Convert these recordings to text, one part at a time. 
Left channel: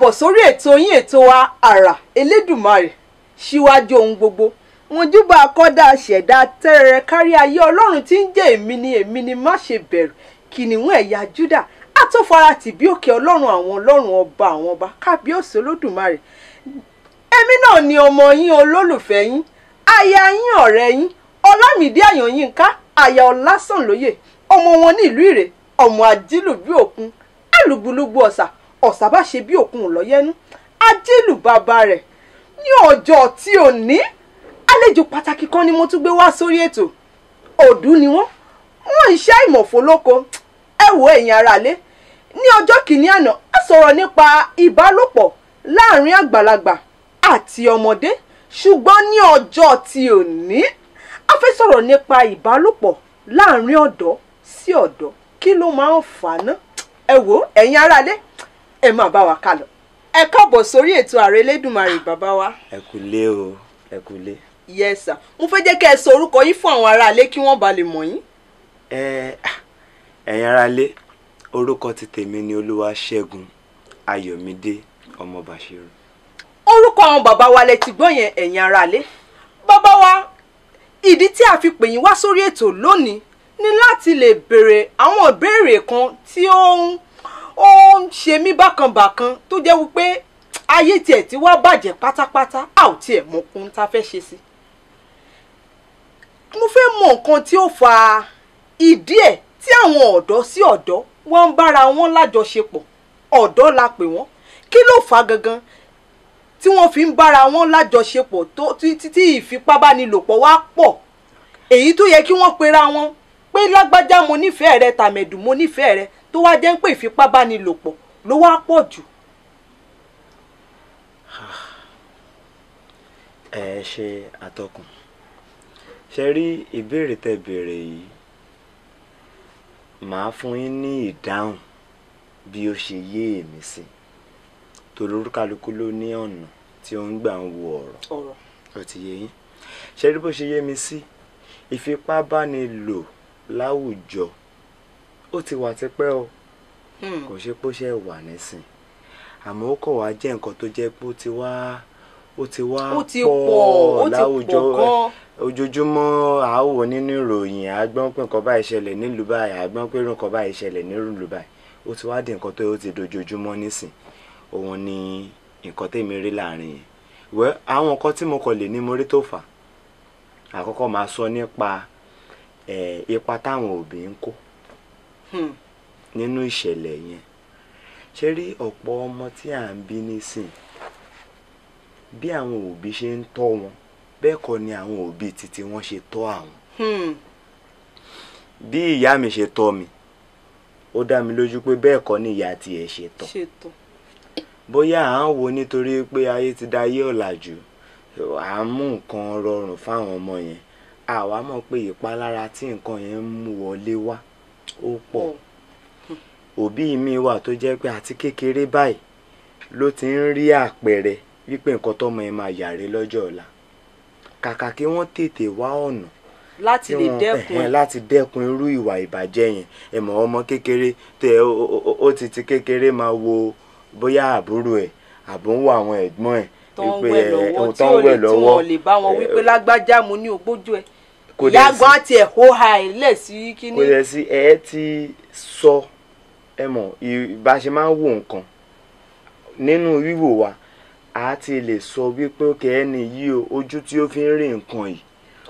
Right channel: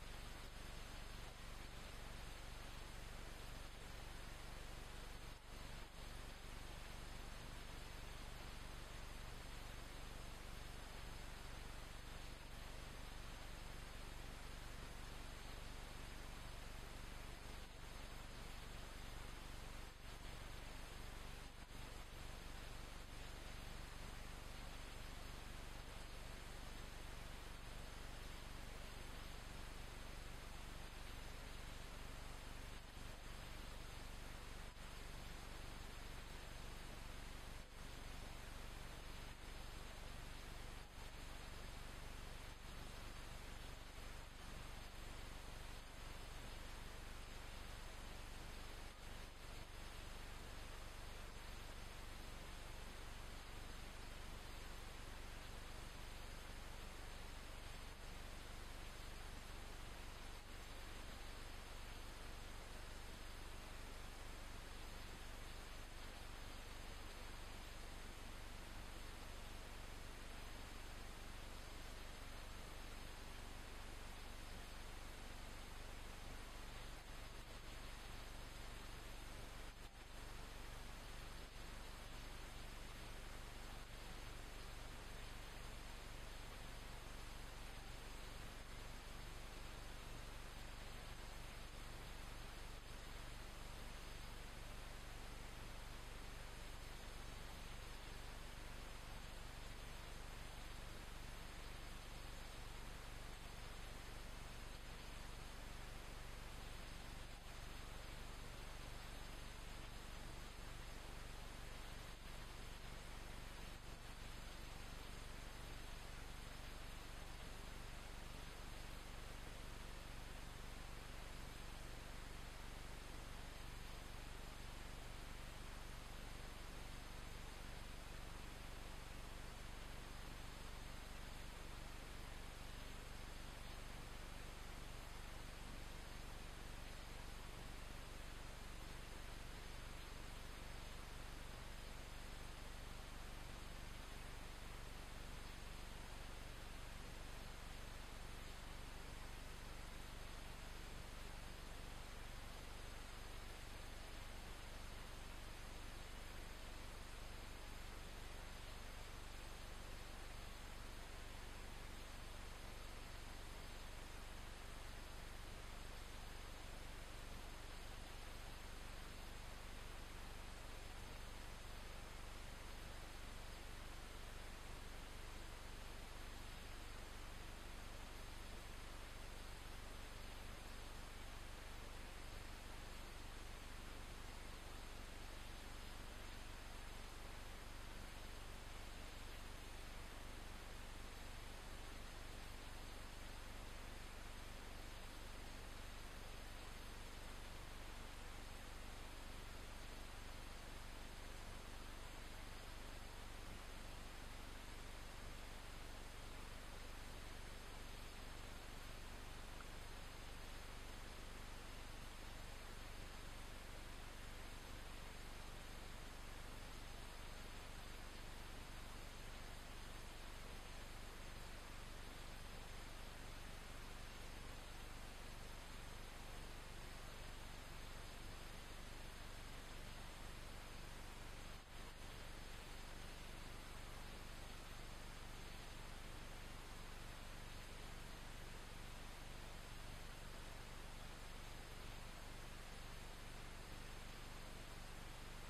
káàbọ̀ sórí ètò yín ètò wa àrà Elédùmarè síwájú ohun gbogbo wọn júbà akọ́dá ṣẹ̀dá tẹ́rẹ̀rẹ̀ kárí ayé ọlọ́run tí ń jẹ́ èmi ni má ṣe bẹ̀rù kìnìún ẹ̀yà Júdà àtọ́farati bí òkè ọlọ́run àwọn ọlọ́run ọba àwọn ọba kábíyèsí Olódùmarè èmi náà ni ọmọ yín olólùfẹ́ yín aya yín ọ̀rẹ́ yín Ọlámídé Àyànyínká aya Ọlásànlóyè ọmọ wọn ní ìlú Ìrè ọmọ ajílù bí òkun alùgbùlùgbù ọ̀sà bá ṣe bí òkun lọ́yẹ́nú ajílù bàbá rẹ̀ ní ọjọ́ tí ò ní àlejò pàtàkì kan ni mo tún gbé wá sórí ètò òdú ni wọ́n iṣẹ́ ìmọ̀fólóko ẹ wo ẹ̀yin aráalé ní ọjọ́ kìíní àná a sọ̀rọ̀ nípa ìbálòpọ̀ láàrin àgbàlagbà àti ọmọdé ṣùgbọ́n ní ọjọ́ tí ò ní a fẹ́ sọ̀rọ̀ nípa ìbálòpọ̀ láàrin ọ̀dọ́ sí ọ̀dọ́ kí ló máa ń fà á ná ẹ wo ẹ̀yin aráalé ẹ máa bá wa kálọ ẹ káàbọ̀ sórí ètò àrà Elédùmarè bàbá wa. ẹ kúlé o ẹ kúlé. yes sir mo fẹ́ jẹ́ kẹ́ ẹ sọ orúkọ yín fún àwọn aráalé kí wọ́n ba lè mọ̀ yín. ẹ̀yin aráalé orúkọ ti tèmi ni Olúwaṣẹ́gun Ayọ̀mídé ọmọ Bàṣírù. orúkọ àwọn bàbá wa lẹ ti gbọ́ yẹn ẹ̀yin aráalé bàbá wa ìdí tí a fi pè yín wá sórí ètò lónìí ni láti lè béèrè àwọn ìbéèrè kan tí ó ń ṣe mí bákanbàkan tó jẹ́ wípé ayé tiẹ̀ tí wá bàjẹ́ pátápátá a ò tiẹ̀ mọ ohun tá a fẹ́ ṣe sí. mo fẹ́ mọ nǹkan tí ó fa ìdí ẹ̀ tí àwọn ọ̀dọ́ sí ọ̀dọ́ wọ́n ń bára wọn lájọṣepọ̀ ọ̀dọ́ la pè wọ́n kí ló fà á gangan tí wọ́n fi ń bára wọn lájọṣepọ̀ tí ìfipábánilòpọ̀ wá pọ̀ èyí tó yẹ kí wọ́n pera wọn pé lágbájá mo nífẹ̀ẹ́ rẹ tàmẹ̀dù mo nífẹ̀ẹ́ rẹ tó wá jẹ́ ń pè ìfipábánilòpọ̀ ló wá pọ̀ jù. ẹ ṣe àtọkùn ṣe rí ìbéèrè tẹ́ béèrè yìí màá fún yín ní ìdáhùn bí ó ṣe yé èmi sí torí olúkálukú ló ní ọ̀nà tí ó ń gbà ń wo ọ̀rọ̀ ó ti yé yín ṣe rí bó ṣe yé mi sí ìfipábánilò láwùjọ ó ti wà tipẹ́ o kò ṣe pé ó ṣe wà nísìn àmọ́ ó kọ̀ wá jẹ́ nǹkan tó jẹ́ pé ó ti wá pọ̀ láwùjọ ojoojúmọ́ àáwò nínú ìròyìn àgbọ́n pé nǹkan báyìí ṣẹlẹ̀ nílùú báyìí àgbọ́n pé nǹkan báyìí ṣẹlẹ̀ nílùú báyìí ó ti wá di nǹkan tó ti dojoojúmọ́ nísìn òun ni nǹkan tèmi rí láàrin yẹn wẹ́ àwọn nǹkan tí mo kàn lè ní mo rí tó fà àkọ́kọ́ máa sọ nípa ipa táwọn òbí ń kó nínú ìṣẹ̀lẹ̀ yẹn ṣe rí ọ̀pọ̀ ọmọ tí à ń bí nísìn bí àwọn òbí ṣe ń tọ́ wọn bẹ́ẹ̀ kọ́ ni àwọn òbí títí wọ́n ṣe tọ́ àwọn bí ìyá mi ṣe tọ́ mi ó dá mi lójú pé bẹ́ẹ̀ kọ́ ni ìyá tiẹ̀ ṣe tọ́ bóyá à ń wo nítorí pé ayé ti da ayé ọ̀làjú à ń mú nǹkan rọrùn fáwọn ọmọ yẹn àwa mọ̀ pé ìpalára tí nǹkan yẹn ń mú wọlé wá ó pọ̀ òbí mi wà tó jẹ́ pé àti kékeré báyìí ló ti ń rí àpẹẹrẹ wípé nǹkan tọ́mọ yẹn máa yàrá lọ́jọ́ ọ̀la kàkà kí wọ́n tètè wá ọ̀nà láti lè dẹ́kun láti dẹ́kun irú ìwà ìbàjẹ́ yẹn ẹ mọ̀ ọmọ kékeré tẹ ó ti kékeré máa wo bóyá àbúrò ẹ̀ àbò ń wo àwọn ẹ̀gbọ́n ẹ̀ tó ń wẹ̀ lọ́wọ́ tí wọ́n lè bá wọn wípé lágbájá mo ní ògbójú ẹ̀ yàgbọ́n àti ẹ̀hó ha ẹ̀ lẹ̀ sí kíní. kò dẹ̀ sí ẹ ti sọ ẹ mọ̀ bá ṣe máa ń wo nǹkan nínú wíwò wa a ti lè sọ wípé ó kẹ́ ẹni yìí o ojú tí ó fi ń rí nǹkan yìí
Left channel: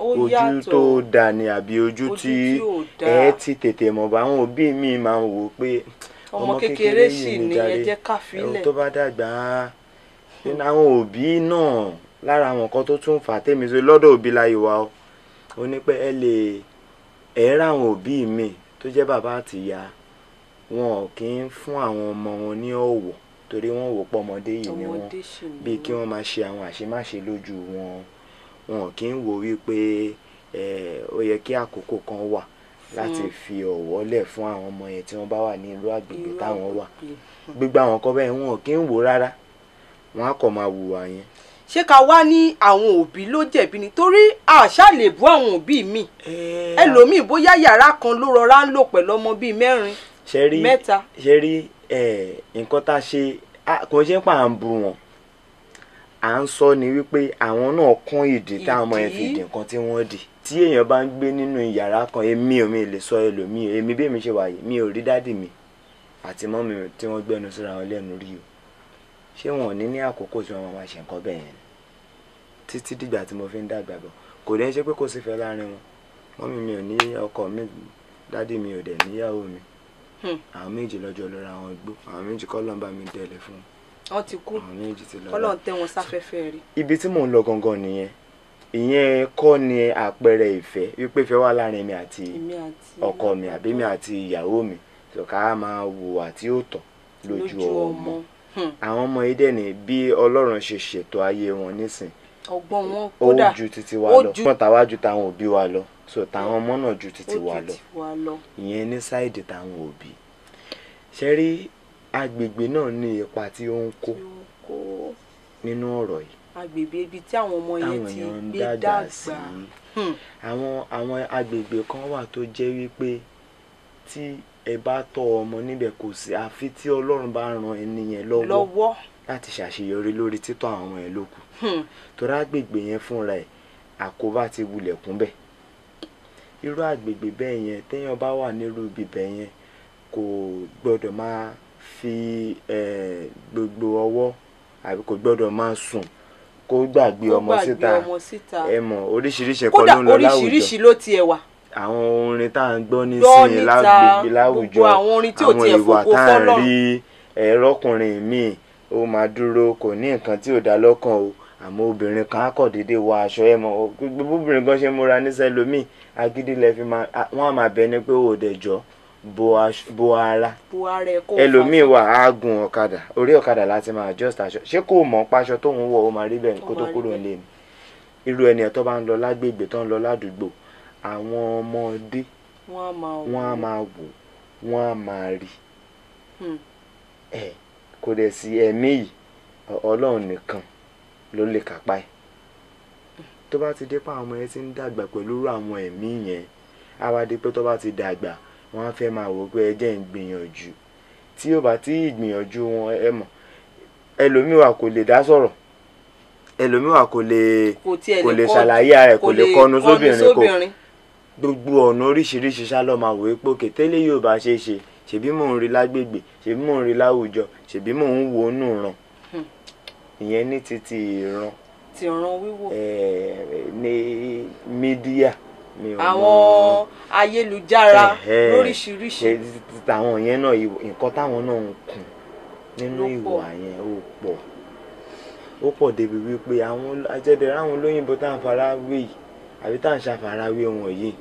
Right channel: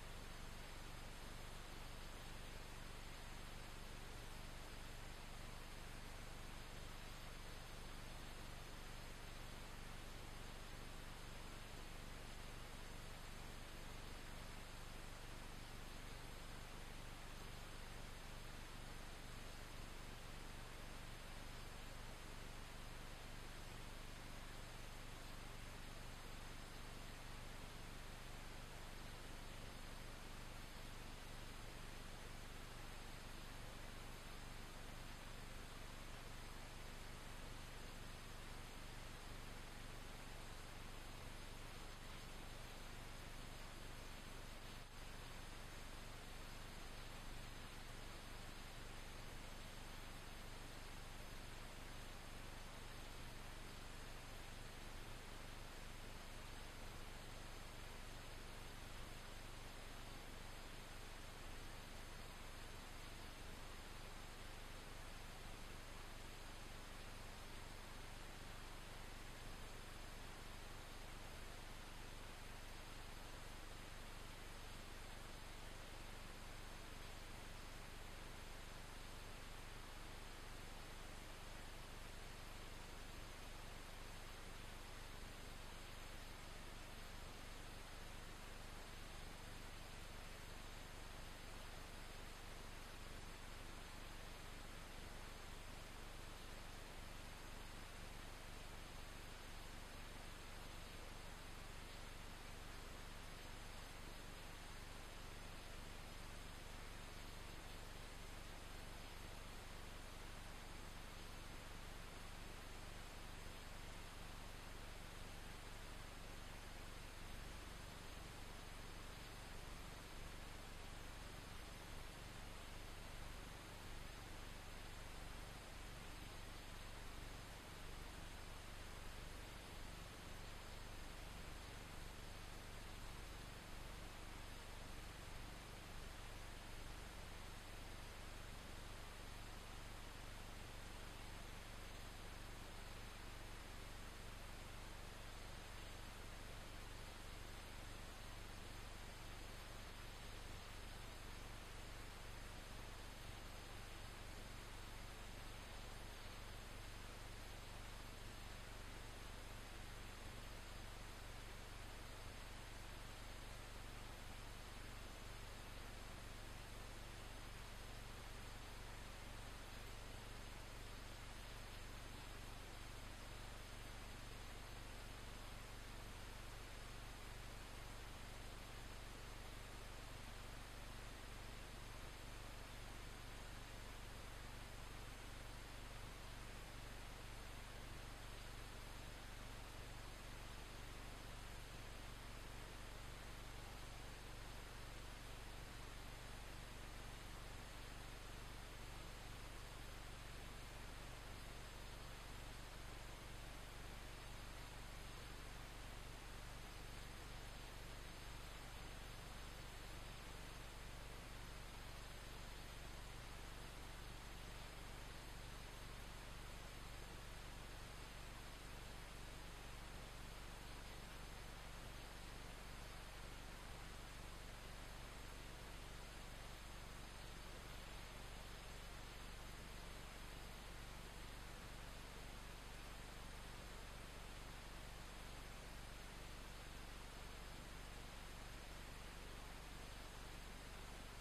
ojú tó dà ní àbí ojú tí ẹ ti tètè mọ̀ bá àwọn òbí mi máa ń wò pé ọmọ kékeré sì ni ẹ jẹ́ ká filẹ̀ tó bá dàgbà nínú àwọn òbí náà lára àwọn nǹkan tó tún fà tèmi sí lọ́dọ̀ òbí láyé wa ó ní pé ẹ rà àwọn òbí mi tó jẹ́ bàbá àti ìyá wọn kì í fún àwọn ọmọ wọn ní ọ̀wọ̀ torí wọ́n wò pọ̀ ọmọdé yìí ni wọ́n bíi kí wọ́n máa ṣe àwọn àṣemáṣe lójú wọn kì í wò wípé ó yẹ kí àkókò kan wà láti fi ọ̀wọ̀ lẹ̀ fún àwọn ọmọ yẹn tí wọ́n bá wà ní ìlú àgbègbè táwọn wà gbogbo àwọn kan bẹ́ẹ̀ wọn kì í wò rárá wọn á kàn máa hùwà yẹn. ṣé ká wá ní àwọn òbí ló jẹ̀bi ni torí àṣà lè bú àwọn òbí mi ẹlòmíì bóyá yàrá kan ló rọra ń lò pẹ̀lú ọmọ bíi mẹ́rin mẹ́ta. ṣe rí nǹkan tá a ṣe kò ṣe pà ń bu wọn, à ń sọ ni wípé àwọn náà kún ìdí táwọn ọmọ yẹn fi dì nǹkan tí wọ́n dì. Tí èèyàn bá ń gbé nínú yàrá kan, èmi ò mi lè sọ ẹlòmíì, èmi bí èmi ṣe wà yìí, mi ò rí dádì mi àti mọ́mì mi tí wọ́n gbẹ́nu síra wọn lẹ́nu rí o. Ṣé wọn ò ní àkókò tí wọ́n máa ṣe nǹkan bẹ́ẹ̀ yẹn títí dìgbà tí mo fi ń dàgbà bọ̀? Kò dẹ́ ṣe pé kò sí fẹ́ láàrin wọn. Mọ́mì mi ò ní ọkọ mi, dádì mi ò dẹ̀ níyàwó mi. Àwọn méjì lọ́jọ́ lọ́ra wọn gbó, àwọn méjì kọ́ lọ́n bá mi tẹ̀lé fún wọn. Wọ́n ti kú, àwọn méjì ti lọ. Ọlọ́run tẹ́ wọn sáfẹ́fẹ́ rí. Ibi tí mò ń lọ gangan nìyẹn. Ìyẹn kọ́ ni àpẹẹrẹ ìfẹ́ wípé ìfẹ́ wà láàrin mi àti ọkọ mi àbí mi àti ìyàwó mi. Ká máa hùwà tí ó tọ́ lójú ọmọ. Àwọn ọmọ yìí dẹ̀ ní bí Ọlọ́run ṣe ṣètò ayé wọn nísìn, ọgbọ́n wọn kódà ó ju titi wa lọ. Wọ́n tàwa ju táwọn òbí wa lọ, so táwọn ọmọ náà ju titi wa lọ. Ìyẹn ní sáìdì táwọn òbí. Ṣé rí agbègbè náà ní ipa tí ó ń kó nínú ọ̀rọ̀ yìí. Agbègbè ibi tí àwọn ọmọ yẹn ti gbé dàgbà. Àwọn agbègbè kan wà tó jẹ́ wípé tí ẹ bá tọ́ ọmọ níbẹ̀ kò sí àfi tí Ọlọ́run bá ran ẹni yẹn lọ́wọ́ láti ṣàṣeyọrí lórí títọ́ àwọn ọmọ yẹn lókù. Torí agbègbè yẹn fúnra ẹ̀ àkóbá ti wulẹ̀ kún bẹ̀. Irú agbègbè bẹ́ẹ̀ yẹn téèyàn bá wà nírú ibi bẹ́ẹ̀ yẹn kò gbọ́dọ̀ máa fi gbogbo ọwọ́ àbí kò gbọ́dọ̀ máa sùn kó gbàgbé ọmọ síta. Ẹ mọ̀ oríṣiríṣi nǹkan ló ń lọ láwùjọ. Kódà oríṣiríṣi ló tiẹ̀ wà. Àwọn orin tá à ń gbọ́ nísìnyí láwùjọ, àwọn ìwà tá à ń rí, ẹ̀rọkùnrin míì ó máa dúró kò ní nǹkan tí ò dá lọ́kàn o, àmọ́ obìnrin kan á kọ̀ déédéé wọ aṣọ. Ẹ mọ̀ gbogbo obìnrin kan ṣe múra níṣẹ́ lómìn agídí lẹ fi máa, wọ́n á máa bẹ ní pé ó dẹ̀ jọ́ bo ara. Ẹlòmíì wà á gun ọ̀kadà, orí ọ̀kadà láti máa adjust aṣọ. Ṣé kò mọ̀ páṣọ tóun wọ̀ ó máa rí bẹ́ẹ̀ kó tó kúrò nílé ni? Irú ẹni ẹ̀ tó bá ń lọ lágbègbè tó ń lọ ládùúgbò, àwọn ọmọdé wọ́n á máa wò, wọ́n á máa rí. Kò dẹ̀ sí ẹ̀mí yìí, Ọlọ́run nìkan ló lè kápá ẹ̀. Tó bá ti dé pé àwọn ọmọ yẹn ti ń dàgbà pẹ̀lú àwọn ẹ̀mí yẹn, á wá dé pé tó bá ti dàgbà wọ́n á fẹ́ máa wò pé ẹ jẹ́ ń gbìyànjú. Tí ó bá tí ìgbìyànjú wọn, ẹ mọ̀ ẹlòmíì wà kò lè dá sọ̀rọ̀, ẹlòmíì wà kò lè ṣàlàyé ara ẹ̀, kò lè kọnu sóbìnrin kò. Gbogbo ọ̀nà oríṣiríṣi ṣá lọ́ máa wò pé òkè tẹ́lẹ̀ yóò bá ṣe é ṣe, ṣèbí mò ń rí lágbègbè, ṣèbí mò ń rí láwùjọ, ṣèbí mò ń wò ó nù ràn. Ìyẹn ní títí ìran. Ti ìran wíwò. Ní mídíà. Àwọn ayélujára lóríṣiríṣi. Àwọn yẹn náà nǹkan táwọn náà ń kùn nínú ìwà yẹn ó pọ̀ débi wípé àwọn ajẹ́dẹ̀rẹ́ àwọn olóyìnbó tá à ń fara wé yìí àbí tá à ń ṣàfarawé wọn yìí,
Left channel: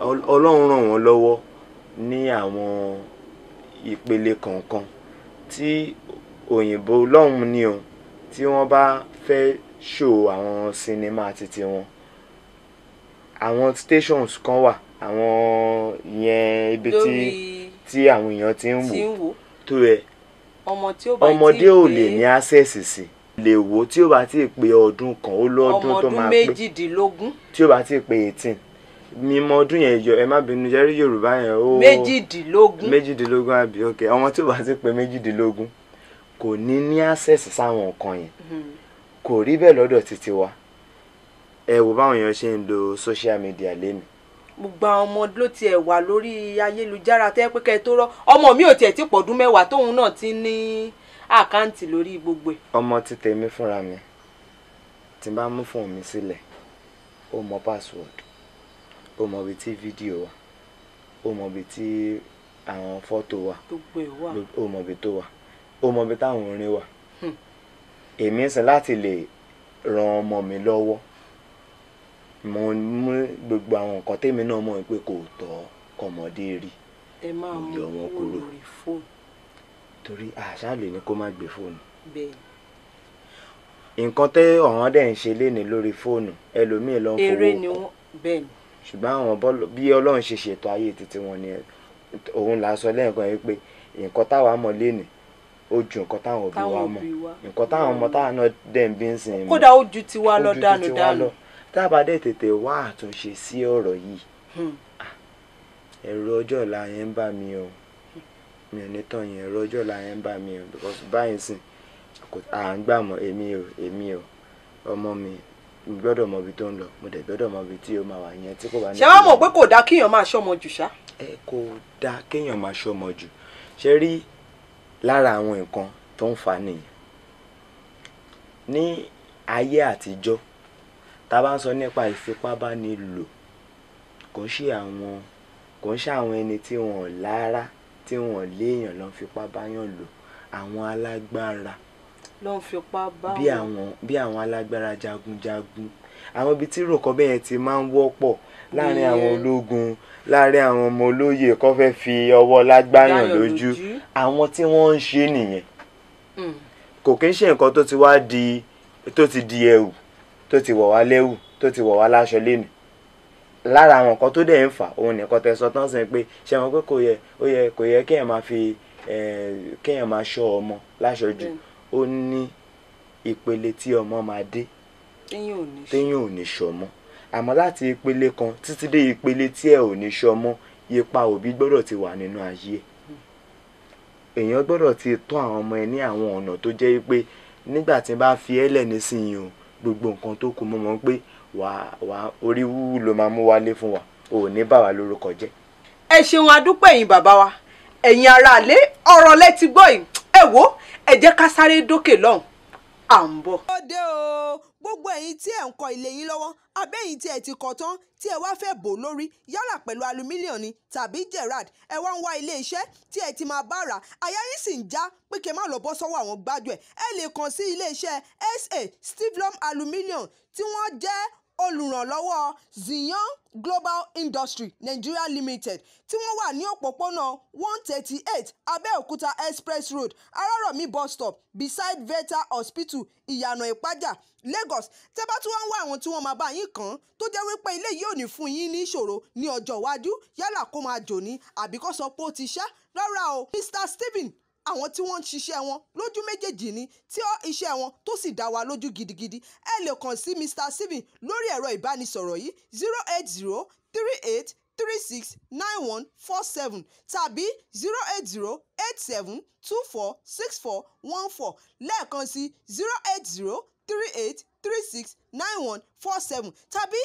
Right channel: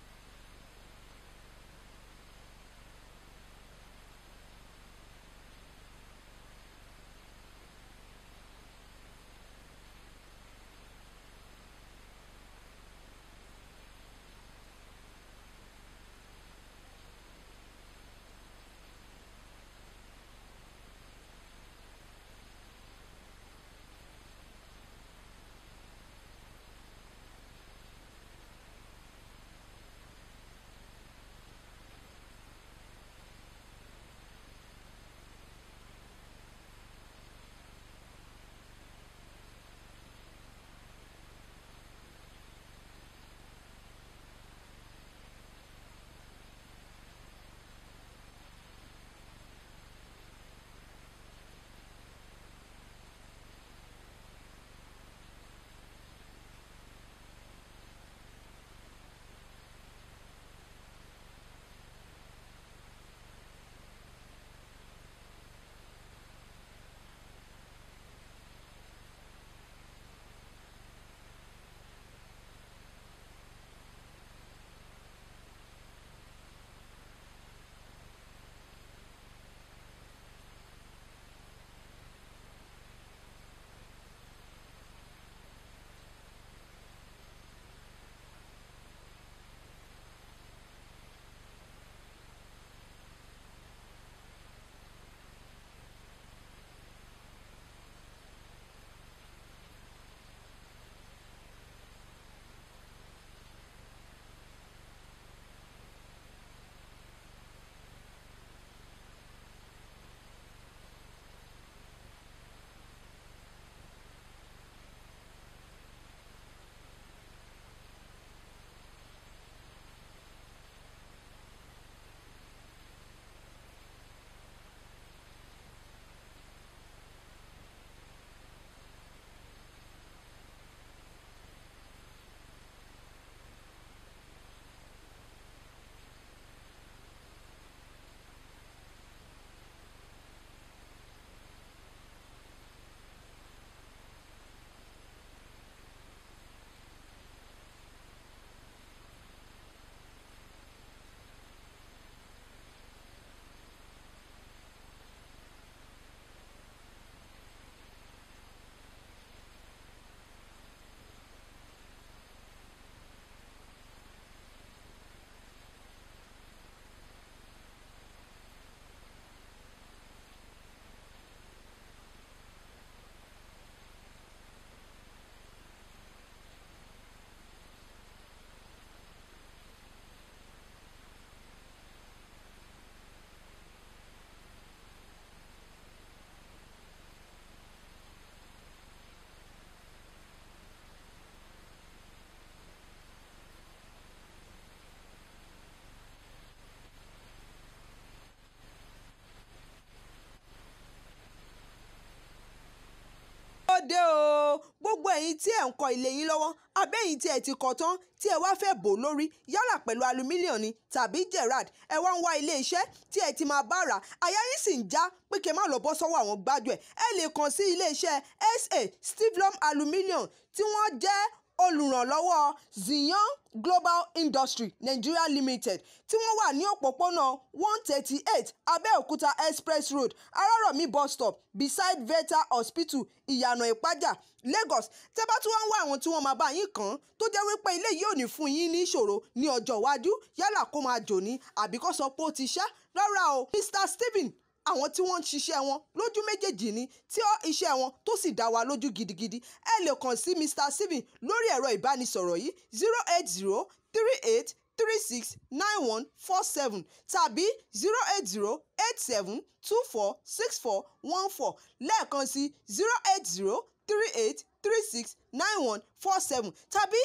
Ọlọ́run ràn wọ́n lọ́wọ́ ní àwọn ìpele kọ̀ọ̀kan tí òyìnbó lọ́hùn ni o, tí wọ́n bá fẹ́ show àwọn sinimá títí wọn, àwọn stations kan wà, àwọn ìyẹn ibi tí àwọn èèyàn ti ń wò tó ẹ ọmọdé ò lè ní access sí, lè wò tí ó bá ti pé ọdún kan, ó lọ́dún tó máa pé méjìdínlógún, tí ó bá ti pé 18 mímọ ọdún yẹn yọ, ẹ má bínú jẹ́rí Yorùbá yẹn ó méjìdínlógún àbí ok, ọmọ tí ó bá ti pé méjìdínlógún kò ní access sáwọn nǹkan yẹn. Kò rí bẹ́ẹ̀ lọ́dọ̀ títí wa. Ẹ wò báwọn èèyàn ṣe ń lo social media lẹ́nu. Gbogbo àwọn ọmọ ló tiẹ̀ wà lórí ayélujára tẹ́ pé kẹ́ tó rọ́. Ọmọ mi ò tiẹ̀ tí pọ̀dún mẹ́wàá tóun náà ti ní àkáǹtì lórí gbogbo ẹ̀. Ọmọ ti tèmi fúnra mi, tí n bá mú fóònù mi sílẹ̀, ó mọ password, ó mọ ibi tí fídíò wà, ó mọ ibi tí àwọn fọ́tò wà, ó mọ ibi tó wà, ó mọ ibi táwọn orin wà. Èmi ń sìn láti lè ran ọmọ mi lọ́wọ́, mo mú gbogbo àwọn nǹkan tèmi náà mọ̀ pé kò tọ́ kọ́mọdé rí, mo yọ wọn kúrò torí àṣà lè ní kó má gbé fóònù. Nǹkan tẹ́ ọ̀hún dẹ̀ ń ṣe léni lórí fóònù, ẹlòmíì ló ń fowó kọ́. Ṣùgbọ́n àwọn bí Ọlọ́run ṣe ṣètò ayé títí wọn ni òun là sọ lẹ́ẹ̀kan yìí pé nǹkan táwa mọ̀ léni ó ju nǹkan táwọn òbí wa mọ̀, nǹkan táwọn ọmọ táwọn náà dẹ̀ ń bí ń sìn. Kódà ó ju tiwa lọ dànù. Tá a bá dẹ̀ tètè wá àtúnṣe sí ọ̀rọ̀ yìí, ẹ̀rù ọjọ́ ọ̀la yẹn ń bà mí o, mi ò ní tàn yẹn, ẹ̀rù ọjọ́ ọ̀la yẹn ń bà mí o, because báyìí sìn à ń gbà mọ́ èmi ò ọmọ mi gbọ́dọ̀ mọ ibi tó ń lọ mo dẹ̀ gbọ́dọ̀ mọ ibi tí ó máa wà yẹn tí kò bá ní. ṣé wàá mọ̀ pé kò dáa kéèyàn máa ṣọmọ jù ṣá. kò dáa kéèyàn máa ṣọmọ jù ṣe rí lára àwọn nǹkan tó ń fa nìyẹn ní ayé àtijọ́ tá a bá ń sọ nípa ìfipábánilò kò ń ṣe àwọn ẹni tí wọn lára tí wọn léèyàn ló ń fipá báyàn lò àwọn alágbára ló ń fipá bá bí àwọn alágbára jagunjagun àwọn ibi tí ròkọ bẹ́ẹ̀ ti máa ń wọ́pọ̀ láàrin àwọn ológun láàrin àwọn ọmọ olóyè kó fẹ́ fi ọwọ́ lágbáyàn lójú àwọn tí wọ́n ń ṣe nìyẹn kò kí ń ṣe nǹkan tó ti di ẹ̀wù tó ti wọ̀ wá lẹ́wù tó ti wọ̀ wá láṣọ lẹ́nu lára àwọn nǹkan tó dẹ̀ ń fà òun nìkan tẹ́ sọ tán sẹ́yìn pé ṣé wọn pé kò yẹ kéèyàn máa fi kéèyàn máa ṣọ́ ọmọ láṣọjù ó ní ìpele tí ọmọ máa dé téèyàn ò ní ṣọmọ àmọ́ láti ìpele kan títí dé ìpele tí ẹ ò ní ṣọmọ ipa òbí gbọ́dọ̀ ti wà nínú ayé èèyàn gbọ́dọ̀ ti tọ́ àwọn ọmọ ẹ ní àwọn ọ̀nà tó jẹ́ pé nígbà tí n bá fi ẹ́lẹ̀ nísìnyí o gbogbo nǹkan tó kù mọ́ pé wà orí wúwú ló máa mú wálé fún wa ò ní bà wá lórúkọ jẹ́. ẹ ṣeun adúpẹ́ ẹ̀yin bàbá wa ẹ̀yin aráalé ọ̀rọ̀ lẹ ti gbọ́ yìí ẹ wò ẹ jẹ́ ká sáré dókè lọ́hùn à ń bọ̀. ó dé o gbogbo ẹ̀yin tí ẹ̀ ń kọ́ ilé yín lọ́wọ́ abẹ́yìn tí ẹ̀ ti kọ́ tán tí ẹ wá fẹ́ bò lórí yálà pẹ̀lú alumílíọ̀nù ni tàbí gerard ẹ wá ń wá ilé iṣẹ́ tí ẹ ti máa bá rà àyà yín sì ń já pé kí ẹ má lọ bọ́ sọ́wọ́ àwọn gbájú ẹ lè kàn sí ilé iṣẹ́ SA Stivlum Aluminium tí wọ́n jẹ́ olùrànlọ́wọ́ Zion Global Industry Nigeria Limited tí wọ́n wà ní òpópónà 138 Abẹ́òkúta Express Road Arárọ̀mí bus stop beside Veta Hospital Ìyànà Ìpájà Lagos tẹ́ bá tún wá ń wá àwọn tí wọ́n máa bá yín kàn tó jẹ́ wípé ilé yìí ò ní fún yín ní ìṣòro ní ọjọ́ iwájú yálà kó máa jò ní àbí kó sọ pé ó ti ṣá rárá o Mr. Stephen àwọn tí wọ́n ń ṣiṣẹ́ wọn lójú méjèèjì ni tí iṣẹ́ wọn tó sì dá wa lójú gidigidi ẹ lè kàn sí Mr. Stephen lórí ẹ̀rọ ìbánisọ̀rọ̀ yìí 08038369147 tàbí 08087246414 lẹ́ẹ̀kan sí 08038369147 tàbí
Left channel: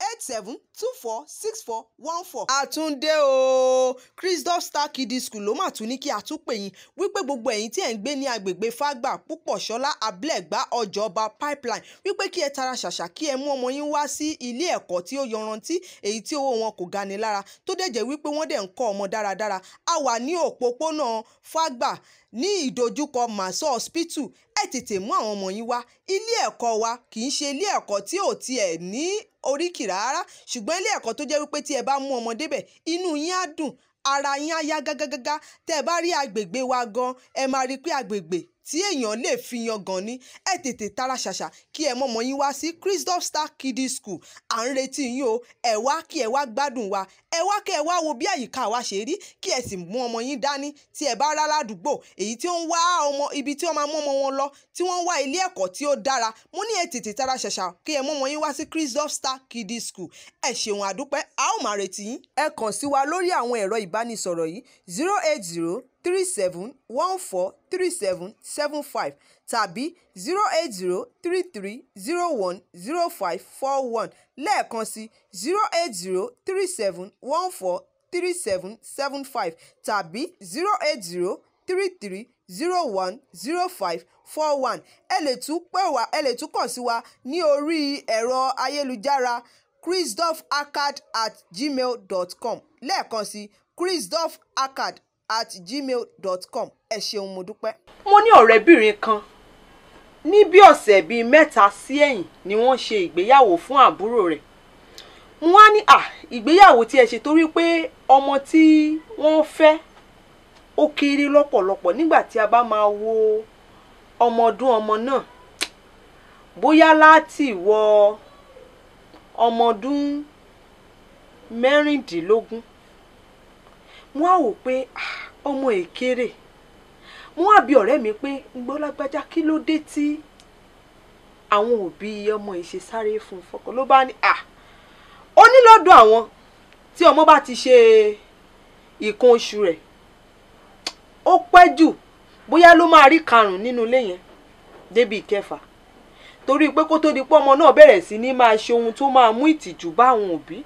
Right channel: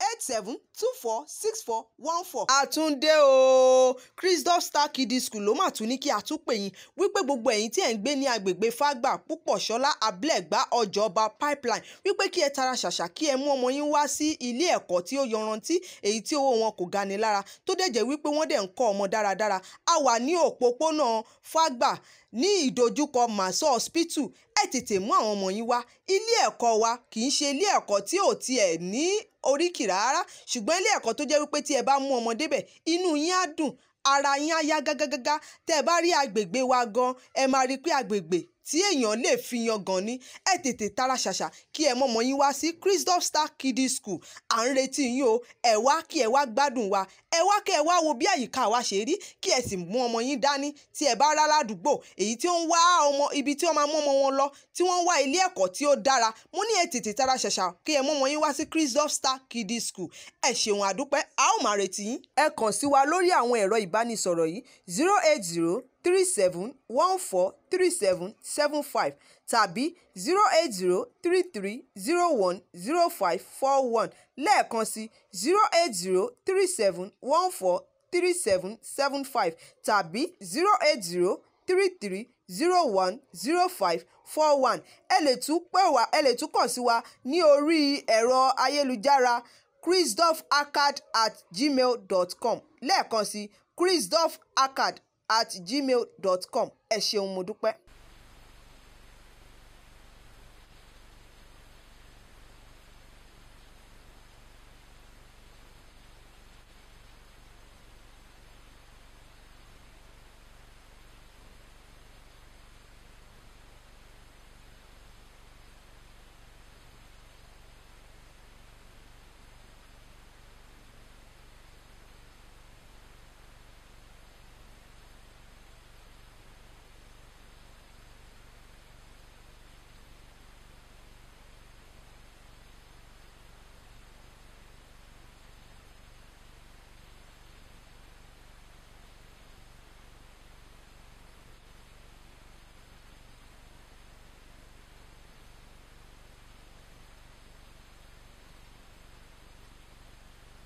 08087246414. àtúndé o Christoph Star Kiddie School ló mà tún ní kí a tún pè yín wípé gbogbo ẹ̀yin tí ẹ̀ ń gbé ní agbègbè Fágbà Púpọ̀ṣọ́lá Abúlẹ̀gbá Ọjọ́ba Pipeline wípé kí ẹ tara ṣàṣà kí ẹ mú ọmọ yín wá sí ilé ẹ̀kọ́ tí ó yanrantí èyí tí owó wọn kò gani lára tó dẹ̀ jẹ́ wípé wọ́n dẹ̀ ń kọ́ ọmọ dáradára a wà ní òpópónà Fágbà ní ìdojúkọ Maso Hospital ẹ tètè mú àwọn ọmọ yín wá ilé ẹ̀kọ́ wa kì í ṣe ilé ẹ̀kọ́ tí ò tiẹ̀ ní oríkì rárá ṣùgbọ́n ilé ẹ̀kọ́ tó jẹ́ wípé tí ẹ bá mú ọmọ débẹ̀ inú yín á dùn ara yín á yá gágágágá tẹ́ ẹ bá rí agbègbè wa gan ẹ máa rí pé agbègbè tí èèyàn lè fi yan gan ni ẹ tètè tara ṣàṣà kí ẹ mọ́mọ́ yín wá sí Christoph Star Kiddie School à ń retí yín o ẹ wá kí ẹ wá gbádùn wa ẹ wá kí ẹ wá wo bí àyíká wa ṣe rí kí ẹ sì mú ọmọ yín dání tí ẹ bá rá ládùúgbò èyí tí ó ń wá ọmọ ibi tí wọ́n máa mú ọmọ wọn lọ tí wọ́n ń wá ilé ẹ̀kọ́ tí ó dára mo ní ẹ tètè tara ṣàṣà kí ẹ mọ́mọ́ yín wá sí Christoph Star Kiddie School ẹ ṣeun àdúpẹ́ a ó máa retí yín. ẹ kàn sí wa lórí àwọn ẹ̀rọ ìbánisọ̀rọ̀ yìí 08037143775 tàbí 08033010541 lẹ́ẹ̀kan sí 08037143775 tàbí 08033010541 ẹ lè tún kàn sí wa ní orí ẹ̀rọ ayélujára christophaccad@gmail.com lẹ́ẹ̀kan sí christophaccad@gmail.com ẹ ṣeun mo dúpẹ́. mo ní ọ̀rẹ́bìnrin kan ní bí ọ̀sẹ̀ bíi mẹ́ta sí ẹ̀yìn ni wọ́n ṣe ìgbéyàwó fún àbúrò rẹ̀ wọ́n á ní ìgbéyàwó tí ẹ ṣe torí pé ọmọ tí wọ́n fẹ́ ó kéré lọ́pọ̀lọpọ̀ nígbà tí a bá máa wo ọmọ ọdún ọmọ náà bóyá láti wọ ọmọ ọdún mẹ́rìndínlógún wọ́n á wò pé ọmọ èkéré wọ́n á bi ọ̀rẹ́ mi pé gbọ́lágbájá kí ló dé tí àwọn òbí ọmọ yìí ṣe sáré fún fọkàn ló bá ní ó ní lọ́dọ̀ àwọn tí ọmọ bá ti ṣe nǹkan oṣù rẹ̀ ó pẹ́ jù bóyá ló máa rí karùn-ún nínú ilé yẹn débi ìkẹfà, torí pé kó tó di pé ọmọ náà bẹ̀rẹ̀ sí ní máa ṣe ohun tó máa mú ìtìjú bá àwọn òbí,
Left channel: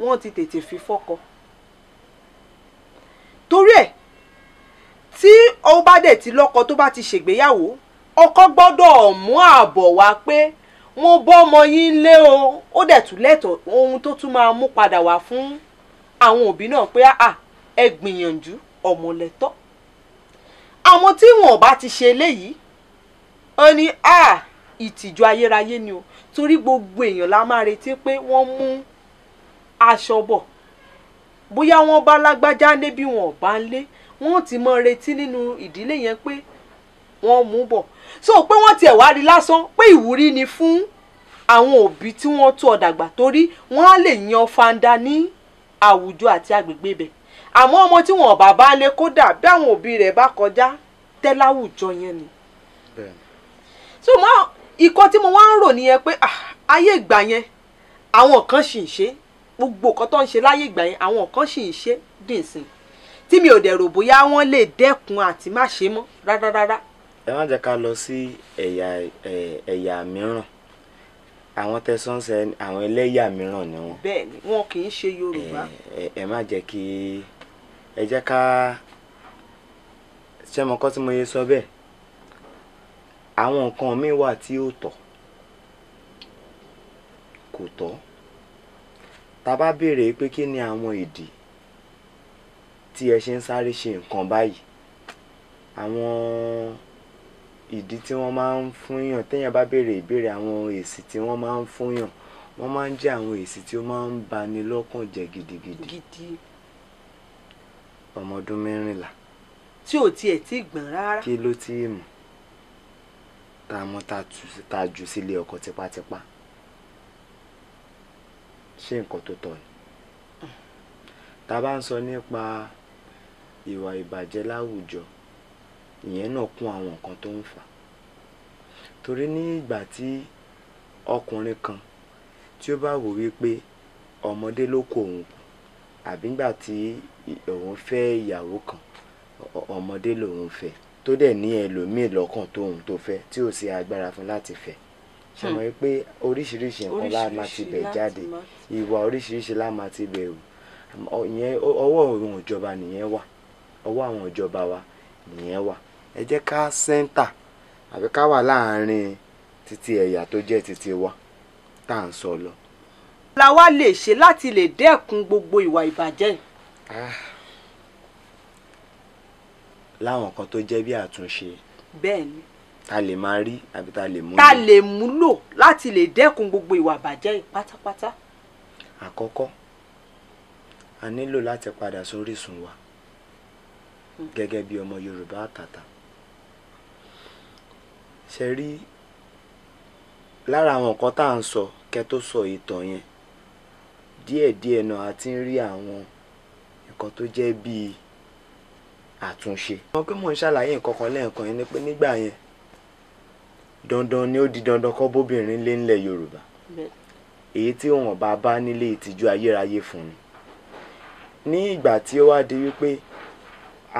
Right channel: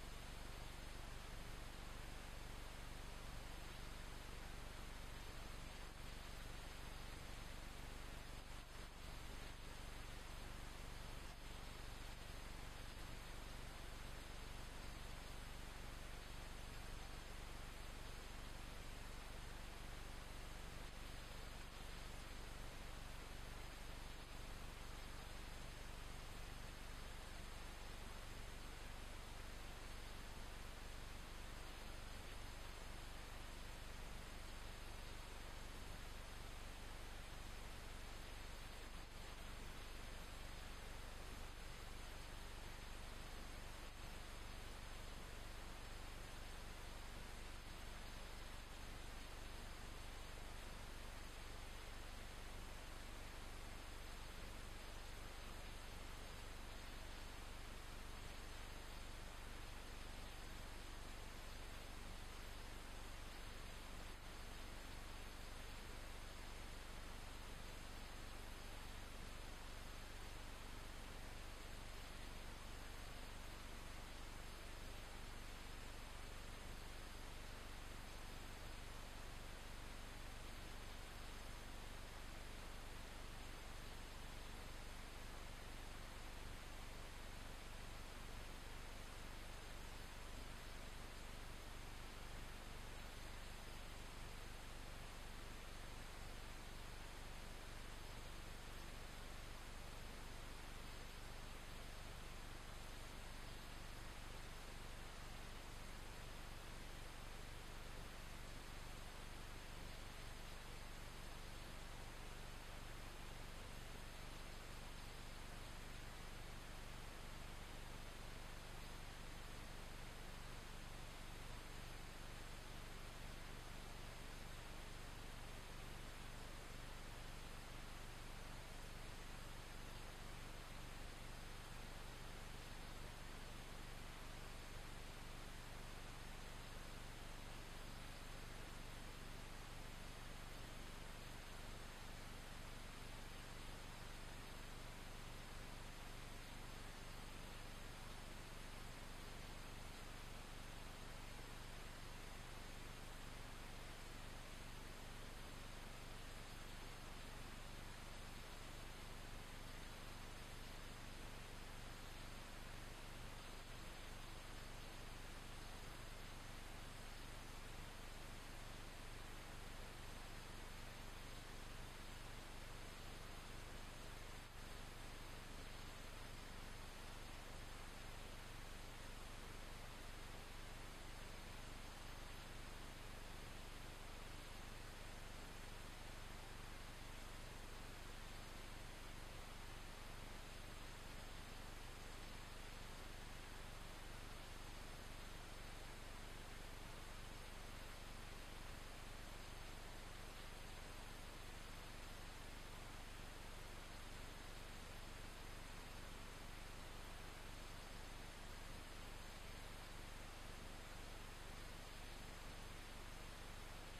wọ́n ti tètè fi fọ́kọ. torí ẹ̀ tí ó bá dẹ̀ ti lọ́kọ tó bá ti ṣègbéyàwó, ọkọ gbọ́dọ̀ mú ààbọ̀ wá pé wọ́n bọ́ ọmọ yín lé o, ó dẹ̀ tún lẹ́tọ̀ọ́ ohun tó tún máa mú padà wá fún àwọn òbí náà pé ẹ gbìyànjú ọmọ lẹ́tọ́. àwọn tí wọn bá ti ṣe eléyìí ó ní ìtìjú ayérayé ni o, torí gbogbo èèyàn la máa retí pé wọ́n mú aṣọ bọ̀, bóyá wọ́n bá lágbájá lé bí wọn ò bá ń lé, wọ́n ti mọ retí nínú ìdílé yẹn pé wọ́n mú bọ̀. so pé wọ́n tiẹ̀ wá rí lásán pé ìwúrí ni fún àwọn òbí tí wọ́n tó ọ dàgbà, torí wọ́n á lè yan fanda ní àwùjọ àti agbègbè bẹ̀. àmọ́ ọmọ tí wọn bá bá lé, kódà bí àwọn òbí rẹ̀ bá kọjá tẹ́láwùjọ yẹn ni. so ikọ́ tí mo wá ń rò nìyẹn pé ayé ìgbà yẹn àwọn kan sì ń ṣe gbogbo nǹkan tó ń ṣe láyé ìgbà yẹn, àwọn kan sì ń ṣe dìnsìn tí mi ò dẹ̀ rò bóyá wọ́n lè dẹ́kun àti má ṣe mọ́ rárá. ẹ má jẹ́ ká lọ sí ẹ̀yà mìíràn. àwọn tẹ̀sánṣẹ́ àwọn ẹlẹ́yà mìíràn ni wọ́n. bẹ́ẹ̀ ni wọn kì í ṣe Yorùbá. ẹ má jẹ́ kí ẹ jẹ́ ká ṣe mọ kọ́ tí mo yẹ sọ bẹ́ẹ̀. àwọn nǹkan míì wà tí ó tọ́ kò tọ́. tá a bá béèrè pé kí ni àwọn ìdí tí ẹ ṣe ń sáré ṣe nǹkan báyìí, àwọn ìdí tí wọ́n máa ń fún yàn, téèyàn bá béèrè ìbéèrè, àwọn èsì tí wọ́n máa ń fún yàn, wọ́n máa ń jẹ́ àwọn èsì tí ó máa ń bani lọ́kàn jẹ́ gidigidi. ọmọ ọdún 14 tí ò tiẹ̀ tí gbọ̀n rárá. kí ló tí ì mọ̀ tá a mọ̀ tá a jù sílé ọkọ tipátipá. ṣé nǹkan tó tọ́ ni? tá a bá ń sọ nípa ìwà ìbàjẹ́ láwùjọ, ìyẹn náà kún àwọn nǹkan tó ń fà. torí ní ìgbà tí ọkùnrin kan tí ó bá wò wípé ọmọdé ló kó òun, àbí nígbà tí òun fẹ́ ìyàwó kan, ọmọdé lòun fẹ́, tó dẹ̀ ní ẹlòmíì lọ́kàn tóun tó fẹ́ tí ò sí agbára fún láti fẹ́. ṣe mọ̀ pé oríṣiríṣi nǹkan lá máa ti bẹ̀ jáde, ìwà oríṣiríṣi lá máa ti bẹ̀ wò. ìyẹn ọwọ́ àwọn ìjọba nìyẹn wà, ọwọ́ àwọn ìjọba wa nìyẹn wà. ẹ jẹ́ ká sẹ́ńtà àbí ká wà láàárín títí ẹ̀yà tó jẹ́ títí wa tá à ń sọ lọ. la wá lè ṣe láti lè dẹ́kun gbogbo ìwà ìbàjẹ́ yìí. láwọn kan tó jẹ́ bí àtúnṣe. bẹ́ẹ̀ ni. ta lè máa rí àbí ta lè múlò. ta lè múlò láti lè dẹ́kun gbogbo ìwà ìbàjẹ́ yìí pátápátá. àkọ́kọ́ a nílò láti padà sórísun wa gẹ́gẹ́ bí ọmọ Yorùbá àtàtà. ṣe rí lára àwọn nǹkan tá à ń sọ kẹ́ tó sọ ìtàn yẹn, díẹ̀díẹ̀ náà a ti ń rí àwọn nǹkan tó jẹ́ bíi àtúnṣe. wọ́n pé mò ń ṣàlàyé nǹkan kan lẹ́ẹ̀kan yẹn ni pé nígbà yẹn dandan ni ó di dandan kọ́ bóbìnrin lé ńlẹ̀ Yorùbá, èyí tí wọn bá nílé ìtìjú ayérayé fún ni. ní ìgbà tí ó wá di wípé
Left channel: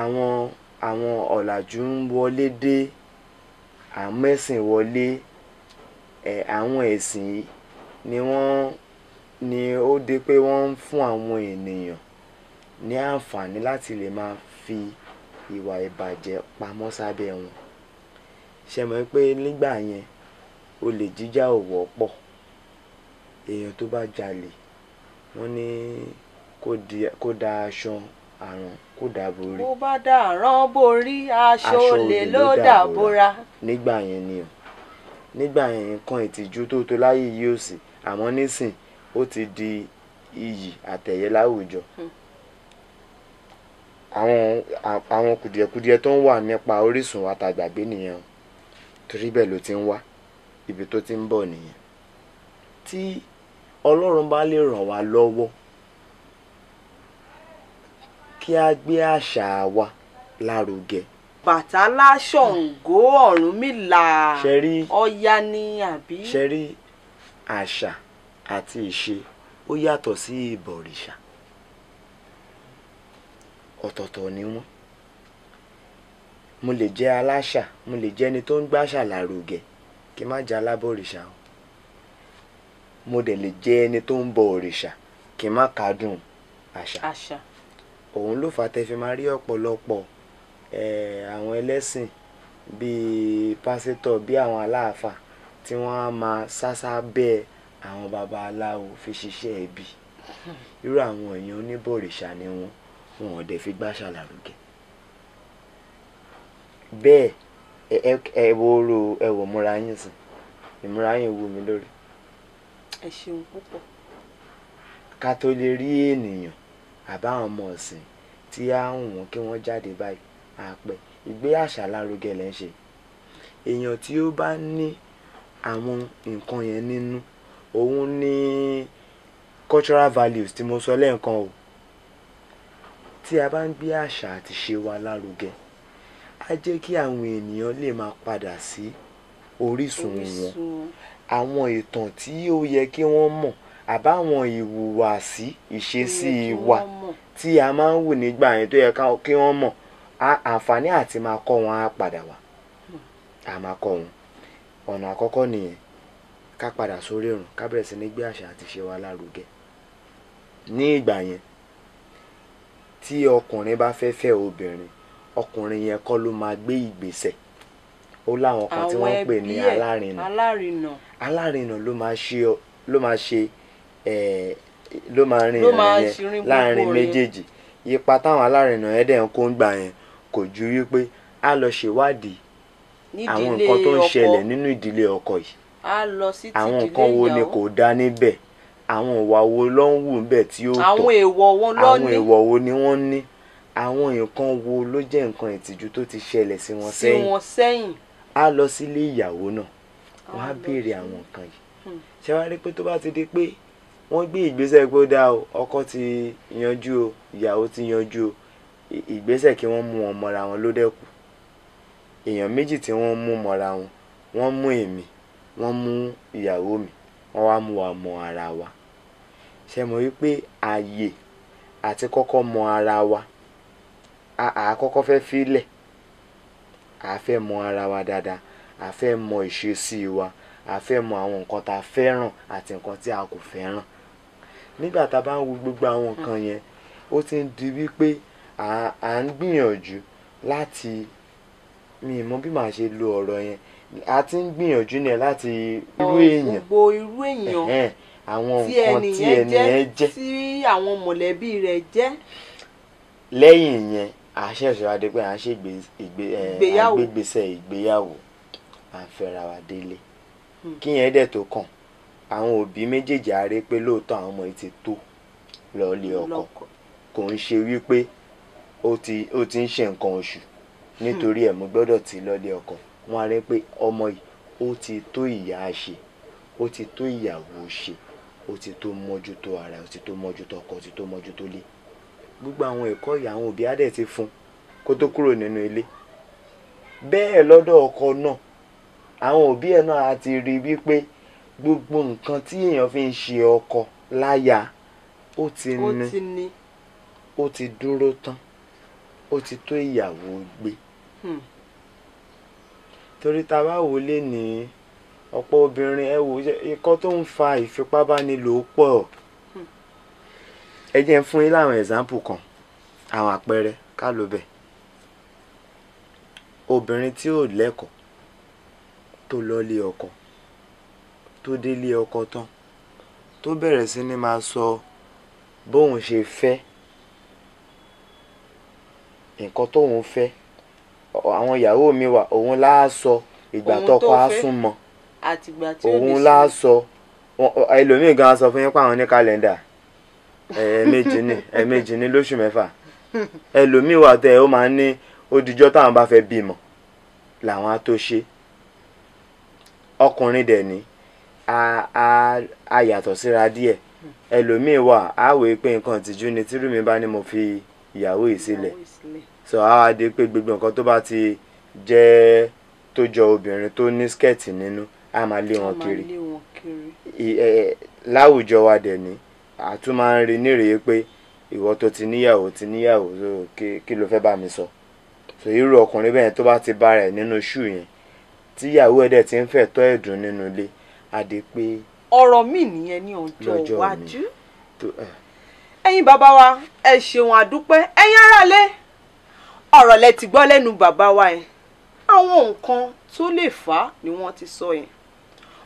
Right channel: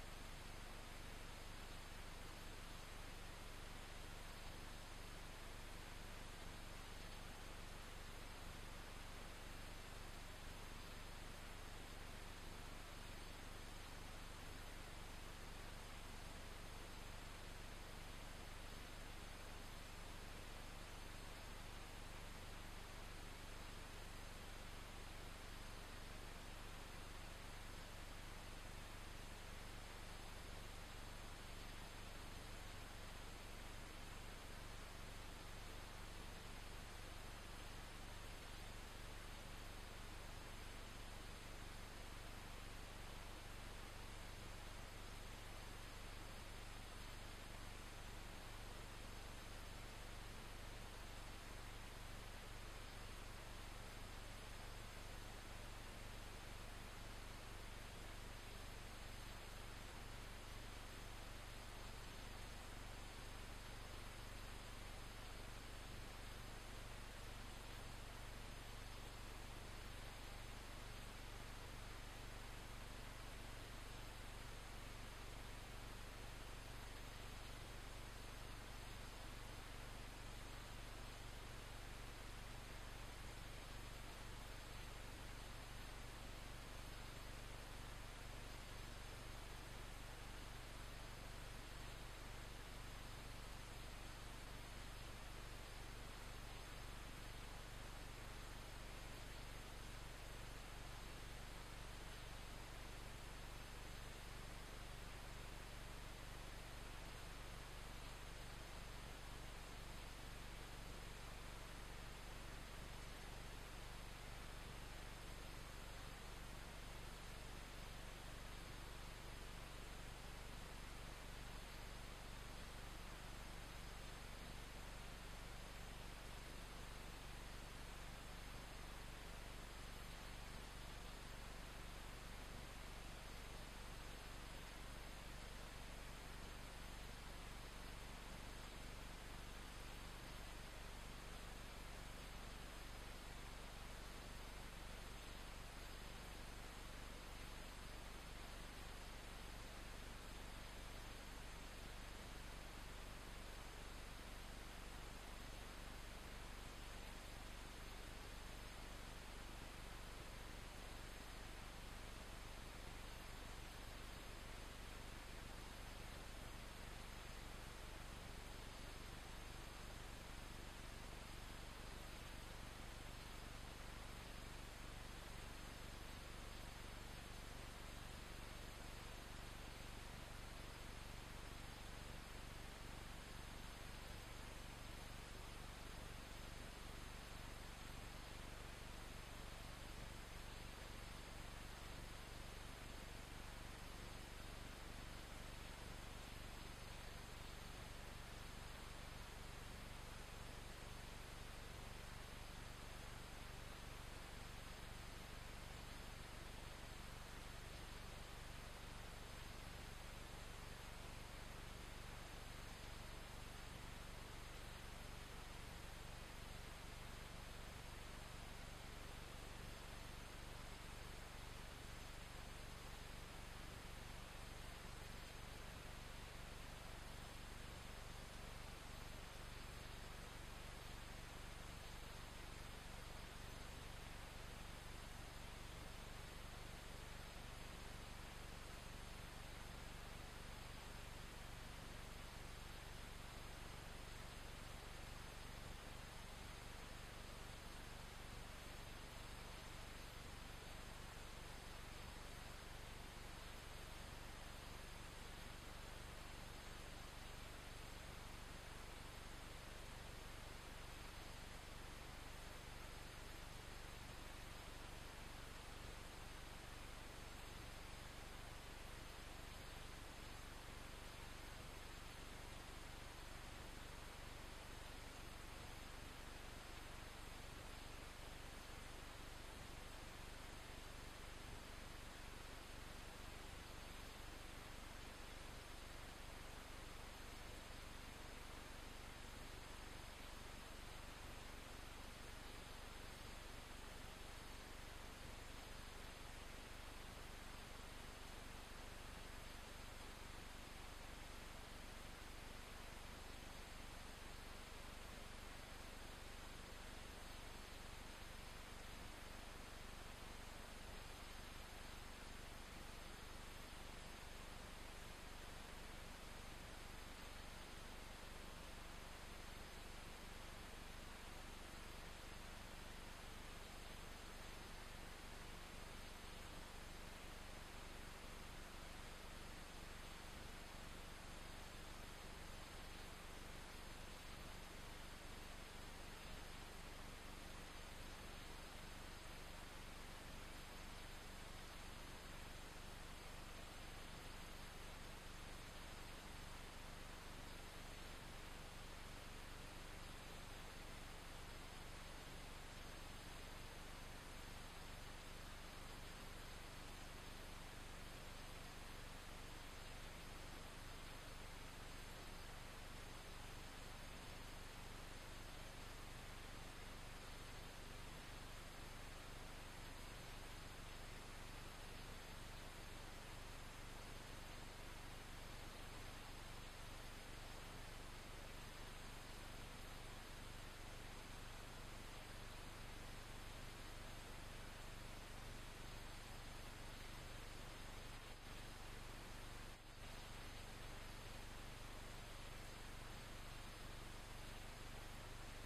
àwọn ọ̀làjú ń wọlé dé, àmẹ́sìn wọlé, àwọn ẹ̀sìn ni ó dé pé wọ́n ń fún àwọn ènìyàn ní àǹfààní láti lè máa fi ìwà ìbàjẹ́ pamọ́ sábẹ́ wọn. ṣe mọ̀ pé nígbà yẹn olè jíjà ò wọ́pọ̀. èèyàn tó bá jalè wọ́n ní kó da aṣọ àrùn kó dà borí. bó bá dà rán borí aṣọ olè ló dà bóra. nígbà yẹn ni o, nígbà yẹn nǹkan ìtìjú tó láyé yìí ò sí, àmọ́ nísìn ó ti di iyì àtẹ̀yẹ láwùjọ. àwọn kùdìẹ̀kudiẹ tó ń wà nípa orísun wa tá gbàgbé nìyẹn, torí bẹ́ẹ̀ ló ti ń wá, ibi tó ti ń bọ̀ nìyẹn. tí Ọlọ́run bá lè ràn wá lọ́wọ́ kí a gbé àṣà wa lárugẹ. Bàtálá, Ṣàngó, Ọ̀rúnmìlà, Ọya ni àbí. ṣe rí àṣà àti ìṣe ó yàtọ̀ sí ìbọ̀rìṣà, ọ̀tọ̀ọ̀tọ̀ ni wọ́n. mo lè jẹ́ aláṣà, mo lè jẹ́ ẹni tó ń gbàṣà lárugẹ kí n má jẹ́ alábọ̀rìṣà o. Mo dẹ̀ lè jẹ́ ẹni tó ń bọ òrìṣà kí n má kádùn àṣà. Òun ló fà á tẹ́ fi máa rí ọ̀pọ̀lọpọ̀ àwọn ẹlẹ́sìn bíi pásítọ̀, bí àwọn aláàfáà tí wọ́n á máa sásá bẹ́ẹ̀ àwọn babaláwo fi ṣiṣẹ́ ẹbí. Irú àwọn èèyàn oníbọ̀rìṣà ni wọn ò dẹ̀ fi gbàṣà lárugẹ. Bẹ́ẹ̀ ẹ wò múra yín sìn, ìmúra yín wù mí lórí. Ẹ ṣeun púpọ̀. Ká tó lè rí ènìyàn àbáwọn ọmọ ọ̀sìn tí á hùn wọ́n kí wọ́n jáde báyìí àpẹ ìgbé àṣà lárugẹ lẹ́ ń ṣe. Èèyàn tí ó bá ní àwọn nǹkan yẹn nínú, òun ní cultural values tí mo sọ lẹ́ẹ̀kan o. Tí a bá ń gbé àṣà àti ṣe wa lárugẹ, á jẹ́ kí àwọn ènìyàn lè máa padà sí orísun wọn. Àwọn ìtàn tí ó yẹ kí wọ́n mọ̀ àbáwọn ìhùwàsí ìṣesí wa tí a máa ń wù nígbà yẹn tó yẹ kí wọ́n mọ̀, àǹfààní àti máa kọ́ wọn á padà wá. A máa kọ́ wọn. Ọ̀nà àkọ́kọ́ nìyẹn, ká padà sórí ìrun, ká bẹ̀rẹ̀ sí ní gbé àṣà àti ṣe wa lárugẹ. Ní ìgbà yẹn tí ọkùnrin bá fẹ́ fẹ́ obìnrin, ọkùnrin yẹn kọ́ ló máa gbé ìgbésẹ̀. Ó láwọn kan tí wọ́n ń pè ní alárinà. Alárinà ló máa rìn ìrìn yẹn láàrin méjèèjì. Ipa táwọn alárinà yẹn dẹ̀ ń kó ń gbà yẹn kò ju wípé á lọ ṣèwádìí àwọn nǹkan tó ń ṣẹlẹ̀ nínú ìdílé ọkọ yìí. Àwọn nǹkan wo ni kò dá níbẹ̀, àwọn ìwà wo ló ń wù níbẹ̀ tí ó tọ́, àwọn èèwọ̀ wo ni wọ́n ní, àwọn nǹkan wo ló jẹ́ nǹkan ìtìjú tó ti ṣẹlẹ̀ sí wọn sẹ́yìn. Á lọ sílé ìyàwó náà, wọ́n á béèrè àwọn nǹkan yìí. Ṣé wàá rí pé tó bá ti di pé wọ́n gbé ìgbésẹ̀ pé ó dá o, ọkọ ti yanjú o, ìyàwó ti yanjú o, ìgbésẹ̀ kí wọ́n mú wọn mọ́ra wọn ló dẹ́kù. Èèyàn méjì tí wọ́n mú mọ́ra wọn, wọ́n mú èmi, wọ́n mú ìyàwó mi, wọ́n wá mú wa mọ ara wa. Ṣé mo rí pé ààyè àti kọ́kọ́ mọ ara wa, àkọ́kọ́ fẹ́ fílẹ̀, a fẹ́ mọ ara wa dáadáa, a fẹ́ mọ ìṣesí wa, a fẹ́ mọ àwọn nǹkan tá a fẹ́ràn àti nǹkan tí a kò fẹ́ràn. Nígbà tá a bá ń wo gbogbo àwọn nǹkan yẹn, ó ti ń di wípé à ń gbìyànjú láti, mi mọ̀ bí màá ṣe lo ọ̀rọ̀ yẹn, a ti ń gbìyànjú ní láti irú èèyàn, àwọn nǹkan tí ẹni yẹn jẹ́, tí àwọn mọ̀lẹ́bí rẹ̀ jẹ́. Lẹ́yìn yẹn a ṣẹ̀ṣẹ̀ wá dé pé à ń ṣe ìgbésẹ̀ ìgbéyàwó, à ń fẹ́ra wa délé. Kí yẹn dẹ̀ tó kàn, àwọn òbí méjèèjì á rí pé lóòótọ́ àwọn ọmọ yìí ti tó lọ́ọ́lé ọkọ. Kò ń ṣe wípé ó ti ń ṣe nǹkan oṣù nítorí ẹ̀ mo gbọ́dọ̀ tì lọ́ọ́lé ọkọ. Wọ́n á rí pé ọmọ yìí ó ti tó ìyá ṣe, ó ti tó ìyàwó ṣe, ó ti tó mójútó ara, ó ti tó mójútó ọkọ, ó ti tó mójútó ilé. Gbogbo àwọn ẹ̀kọ́ yìí àwọn òbí á dẹ̀ ti fún kó tó kúrò nínú ilé. Bẹ́ẹ̀ lọ́dọ̀ ọkọ náà, àwọn òbí ẹ̀ náà á ti rí wípé gbogbo nǹkan tí èèyàn fi ń ṣe ọkọ láya ó ti ní, ó ti dúró tán, ó ti tó ìyàwó gbé. Torí tá a bá wò lé ní ọ̀pọ̀ obìnrin, ẹ wò ikọ́ tó ń fa ìfipábánilò pọ̀. Ẹ jẹ́ n fún yín láwọn example kan, àwọn àpẹẹrẹ ká ló bẹ̀. Obìnrin tí ò lẹ́kọ̀ọ́ tó lọ́lé ọkọ, tó délé ọkọ tán, tó bẹ̀rẹ̀ sí ní máa sọ bóun ṣe fẹ́, nǹkan tóun fẹ́. Àwọn ìyàwó mi wà, òun láá sọ ìgbà tọ́kọ á súnmọ́, òun láá sọ. Ẹlòmíì gan sọ fún yín pé àwọn ní kàlẹ́ndà ẹ̀ẹ̀mejì ní lóṣù mẹ́fà. Ẹlòmíì wà tẹ́ ó máa ń ní odijọ́ táwọn bá fẹ́ bímọ làwọn á tó ṣe. Ọkùnrin dẹ̀ ní a yàtọ̀ síra díẹ̀. Ẹlòmíì wà á wòye pé nǹkan ìtìjú ni tírú mi bá ní mo fi ìyàwó yìí sílẹ̀. So á wá dé pé gbogbo nǹkan tó bá ti jẹ́ tó jọ obìnrin tó ní skẹ́ẹ̀tì nínú á máa lé wọn kiri. Láwùjọ wa dẹ̀ ní a tún máa ń rí nírèé pé ìwọ tó ti níyàwó so kí ló fẹ́ bá mi sọ. so irú ọkùnrin bẹ́ẹ̀ tó bá ti bá rẹ̀ nínú ṣù yẹn tíyàwó ẹ̀ dẹ̀ ti ń fẹ́ tọ́ ẹ̀dùn nínú ilé adé pé. ọ̀rọ̀ mi nìyẹn ní ọjọ́ iwájú. ẹ̀yin bàbá wa ẹ ṣeun àdúpẹ́ ẹ̀yin aráalé ọ̀rọ̀ lẹ ti gbọ́ lẹ́nu bàbá wa yẹn àwọn nǹkan tó lè fà á ni wọ́n ti sọ yẹn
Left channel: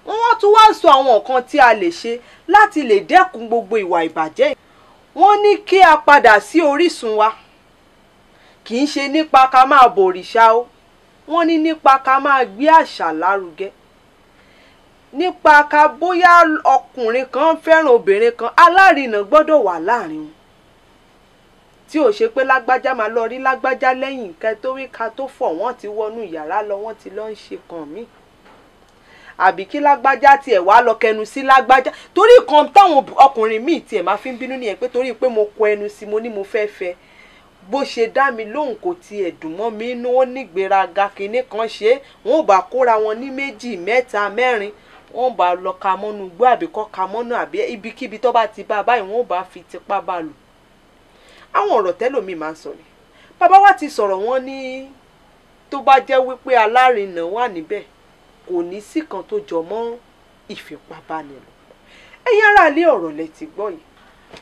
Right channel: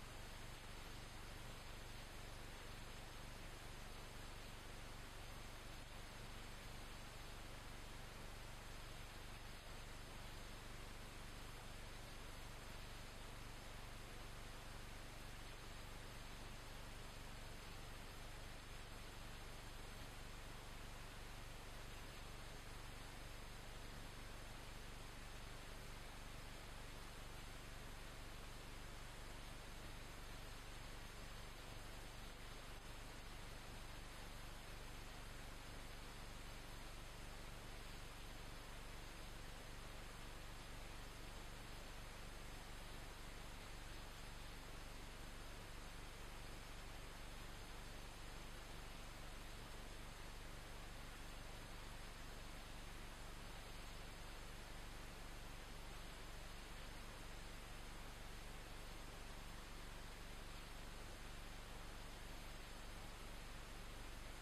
wọ́n tún wá sọ àwọn nǹkan tí a lè ṣe láti lè dẹ́kun gbogbo ìwà ìbàjẹ́ wọ́n ní kí a padà sí orísun wa kì í ṣe nípa ká máa bòrìṣà o wọ́n ní nípa ká máa gbé àṣà lárugẹ nípa ká bóyá ọkùnrin kan fẹ́ràn obìnrin kan alárinà gbọ́dọ̀ wà láàrin wọn tí ò ṣe pé lágbájá máa lọ rí lágbájá lẹ́yìn nǹkan tó rí ká tó fọ̀ wọ́n ti wọnú yàrá lọ wọ́n ti lọ ń ṣe kàn mí àbí kí lágbájá tiẹ̀ wá lọ kẹnu sí lágbájá torí kan táwọn ọkùnrin míì tiẹ̀ máa fi ń bínú nìyẹn pé torí pé mo kọ ẹnu sí mo ní mo fẹ́ fẹ́ bó ṣe dá mi lóhùn kò tiẹ̀ dùn mọ́ mi inú ó nígbéraga kinní kan ṣe wọn ò bá kóra wọn ní méjì mẹ́ta mẹ́rin wọn ò bá lọ ka mọ́nú gbọ́ àbí kọ́ ka mọ́nú àbí ibikíbi tó bá ti bá a báyìí wọn ò bá fi tipá bá a lò àwọn ọ̀rọ̀ tẹ́lòmíì máa ń sọ ni bàbá wa ti sọ̀rọ̀ wọn ní tó bá jẹ́ wípé alárinà wà níbẹ̀ kò ní sí kan tó jọ mọ́ ìfipábánilò ẹ̀yin aráalé ọ̀rọ̀ lẹ ti gbọ́ yìí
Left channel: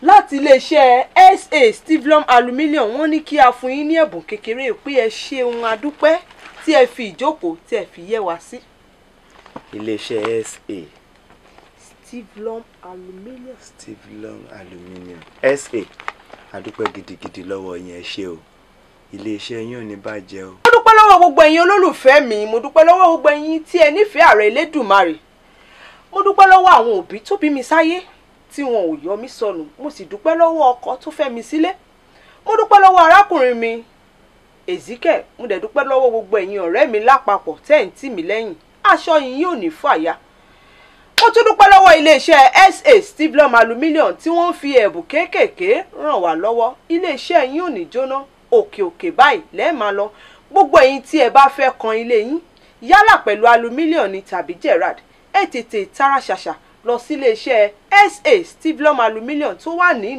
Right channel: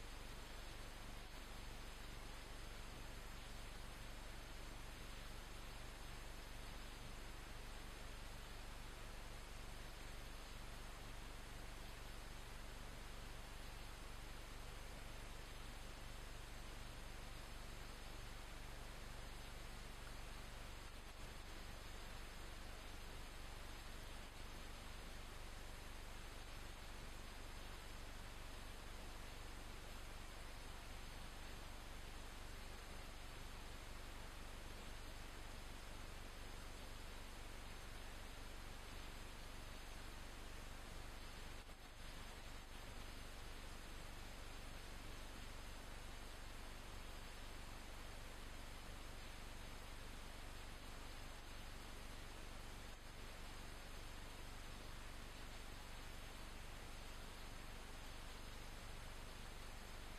láti iléeṣẹ́ SA Stivlum Aluminium wọ́n ní kí a fún yín ní ẹ̀bùn kékeré pé ẹ ṣeun adúpẹ́ tí ẹ fi ìjókòó tí ẹ fi yẹ wá sí. iléeṣẹ́ SA Stivlum Aluminium. Stivlum Aluminium SA adúpẹ́ gidigidi lọ́wọ́ yín ẹ ṣé o iléeṣẹ́ yín ò ní bàjẹ́ o. mo dúpẹ́ lọ́wọ́ gbogbo ẹ̀yin olólùfẹ́ mi mo dúpẹ́ lọ́wọ́ gbogbo ẹ̀yin tí ẹ nífẹ̀ẹ́ Ààrẹ Elédùmarè mo dúpẹ́ lọ́wọ́ àwọn òbí tó bí mi sáyé tí wọn ò yọ mí sọnù mo sì dúpẹ́ lọ́wọ́ ọkọ tó fẹ́ mi sílé mo dúpẹ́ lọ́wọ́ arákùnrin mi Ezekiel mo dẹ̀ dúpẹ́ lọ́wọ́ gbogbo ẹ̀yin ọ̀rẹ́ mi lápapọ̀ tẹ́ ń tì mí lẹ́yìn aṣọ yín yóò ní fàya mo tún dúpẹ́ lọ́wọ́ iléeṣẹ́ SA Stivlum Aluminium tí wọ́n fi ẹ̀bùn kéékèèké ràn wá lọ́wọ́ iléeṣẹ́ yín ò ní jóná òkè òkè báyìí lẹ́ẹ̀ máa lọ gbogbo ẹ̀yin tí ẹ bá fẹ́ kan ilé yín yálà pẹ̀lú aluminium ni tàbí Gerard ẹ tètè tara ṣàṣà lọ sí iléeṣẹ́ SA Stivlum Aluminium tó wà ní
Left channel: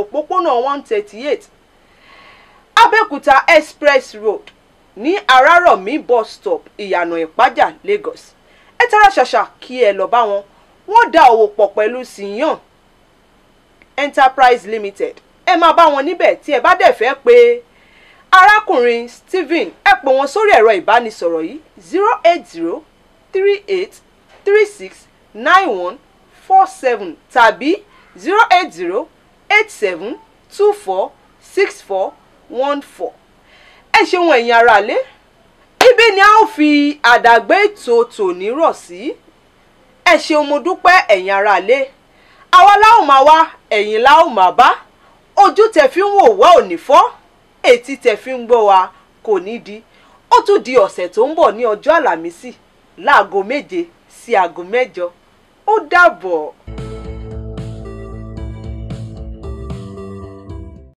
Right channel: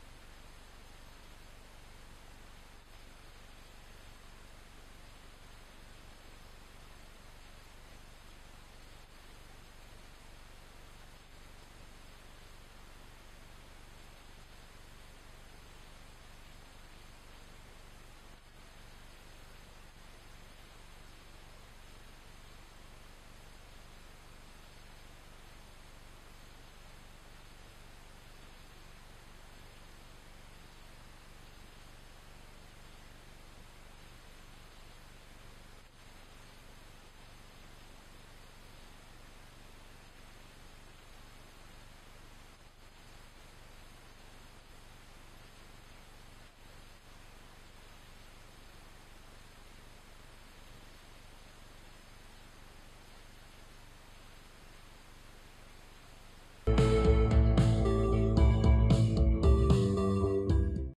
òpópónà 138 Abẹ́òkúta Express Road ní Arárọ̀mí bus stop Ìyànà Ìpájà Lagos ẹ tara ṣàṣà kí ẹ lọ bá wọn wọ́n dá òwò pọ̀ pẹ̀lú Siyan Enterprise Limited ẹ máa bá wọn níbẹ̀ tí ẹ bá dẹ̀ fẹ́ pé arákùnrin Stephen ẹ pè wọ́n sórí ẹ̀rọ ìbánisọ̀rọ̀ yìí 08038369147 tàbí 08087246414. ẹ ṣeun ẹ̀yin aráalé ibi ni a ó fi àdàgbé ètò tòní rọ̀ sí ẹ ṣeun mo dúpẹ́ ẹ̀yin aráalé àwa la ó máa wá ẹ̀yin la ó máa bá ojú tẹ́ fi ń wò wá ò ní fọ́ etí tẹ́ fi ń gbọ́ wa kò ní di ó tún di ọ̀sẹ̀ tó ń bọ̀ ní ọjọ́ àlàmísì láago 7 sí aago 8 ó dàbọ̀.